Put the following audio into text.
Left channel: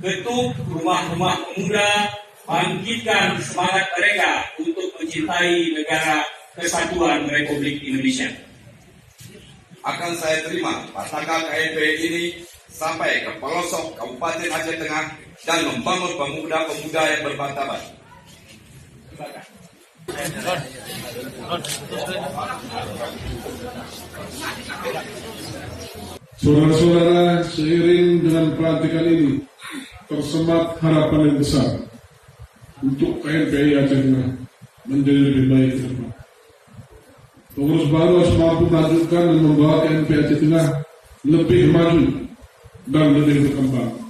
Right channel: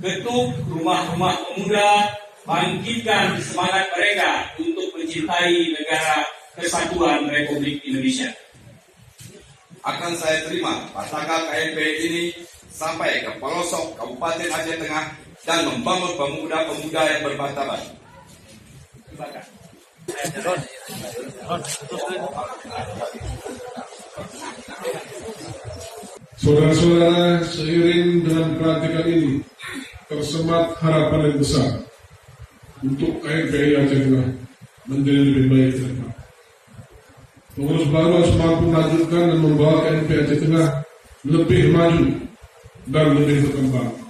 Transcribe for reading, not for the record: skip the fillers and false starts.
Ketuk rumah-rumah pemuda, bangkitkan semangat mereka untuk mencintai negara Kesatuan Republik Indonesia. Akan saya terima Pataka KMP ini sampai ke pelosok Kabupaten Aceh Tengah dan membangun pemuda-pemuda yang bermartabat. Saudara-saudara, seiring dengan pelantikan ini tersemat harapan yang besar untuk KMPI Aceh Tengah menjadi lebih baik ke depan. Pengurus baru harus mampu melanjutkan dan membawa KMPI Aceh Tengah lebih maju dan lebih berkembang.